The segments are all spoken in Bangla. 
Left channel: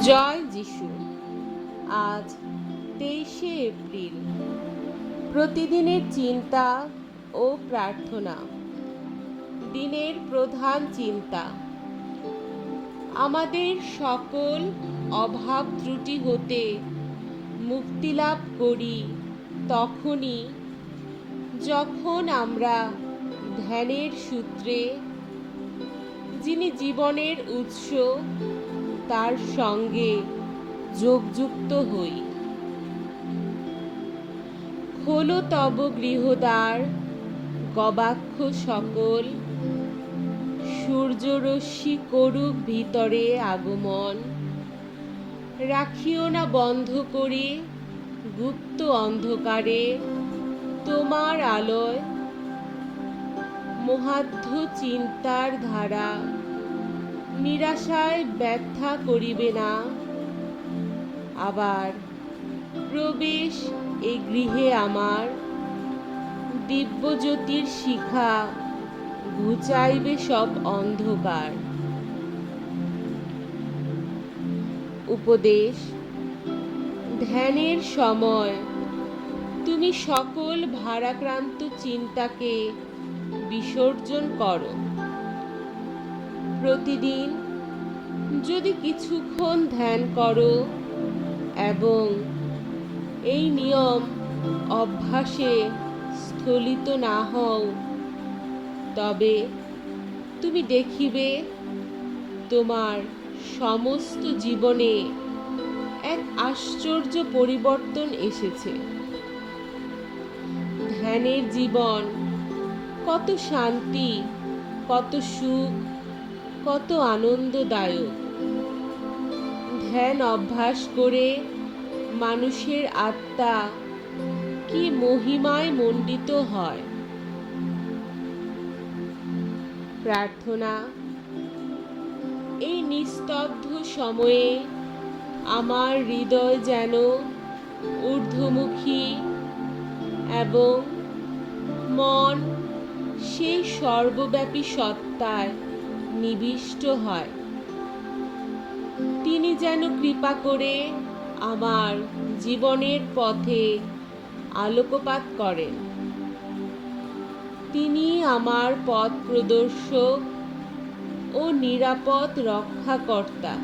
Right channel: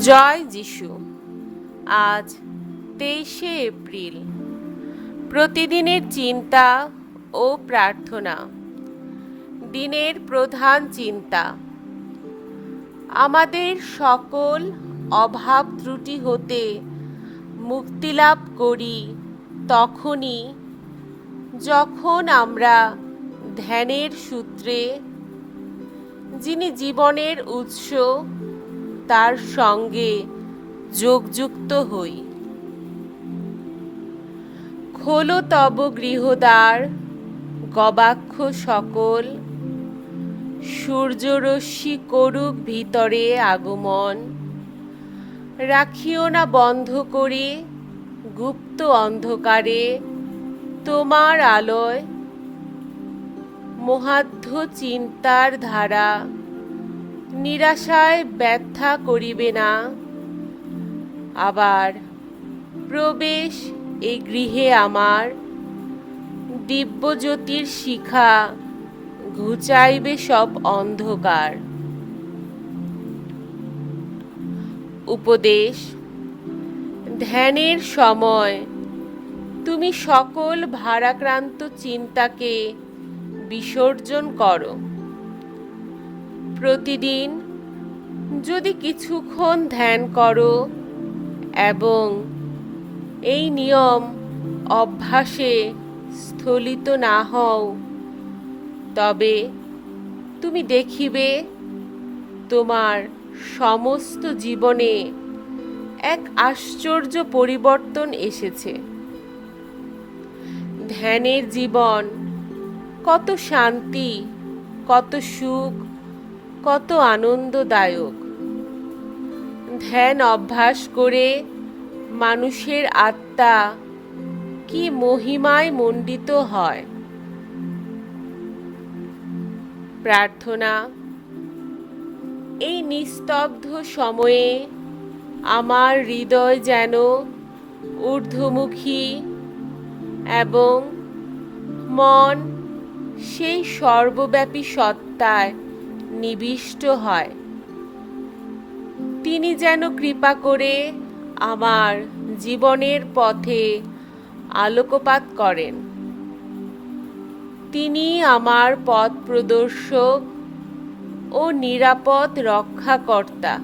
জয় যিশু। আজ তেইশে এপ্রিল। প্রতিদিনের চিন্তা ও প্রার্থনা। দিনের প্রধান চিন্তা। আমাদের সকল অভাব ত্রুটি হতে মুক্তিলাভ করি তখনই যখন আমরা ধ্যানের সূত্রে, যিনি জীবনের উৎস তার সঙ্গে যোগযুক্ত হই। খোলো তব গৃহদ্বার, গবাক্ষ সকল, সূর্যরশ্মি করুক ভিতরে আগমন। রাখিও না বন্ধ করে, গুপ্ত অন্ধকারে, তোমার আলোয় মহাধ্য চিন্তার ধারা। নিরাশায় ব্যথা করিবে না। আবার প্রবেশ এই গৃহে আমার। দিব্যজ্যোতির শিখা ঘুচাইবে সব অন্ধকার। উপদেশ, ধ্যানের সময় তুমি সকল ভারাক্রান্ত চিন্তাকে বিসর্জন করো। প্রতিদিন যদি কিছুক্ষণ ধ্যান করো এবং এই নিয়ম অভ্যাসে স্থলিত না হও, তবে তুমি দেখিবে তোমার সমস্ত জীবনে এক আশ্চর্য পরিবর্তন এসেছে। ধ্যানের জীবন কত শান্তি, কত সুখ কত আনন্দদায়ক। ধ্যান অভ্যাস করে মানুষের আত্মা কি মহিমায় মণ্ডিত হয়। প্রার্থনা, এই নিস্তব্ধ সময়ে আমার হৃদয় যেন ঊর্ধ্বমুখী এবং মন সেই সর্বব্যাপী সত্তায় নিবিষ্ট হয়। তিনি যেন কৃপা করে আমার জীবনের পথে আলোকপাত করেন। তিনি আমার পথ প্রদর্শক ও নিরাপদ রক্ষাকর্তা।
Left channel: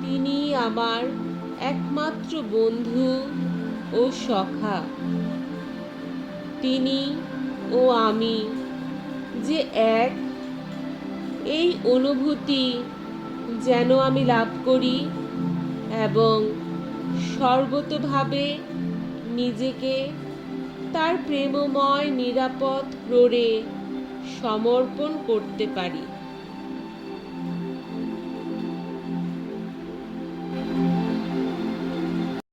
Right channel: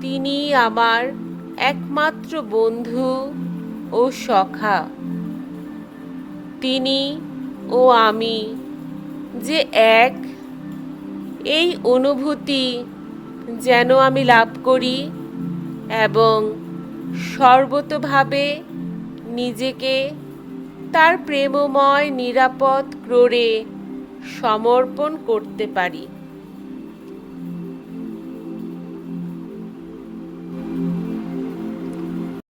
তিনি আমার একমাত্র বন্ধু ও সখা। তিনি ও আমি যে এক এই অনুভূতি যেন আমি লাভ করি এবং সর্বতভাবে নিজেকে তার প্রেমময়, নিরাপদ ক্রোড়ে সমর্পণ করতে পারি।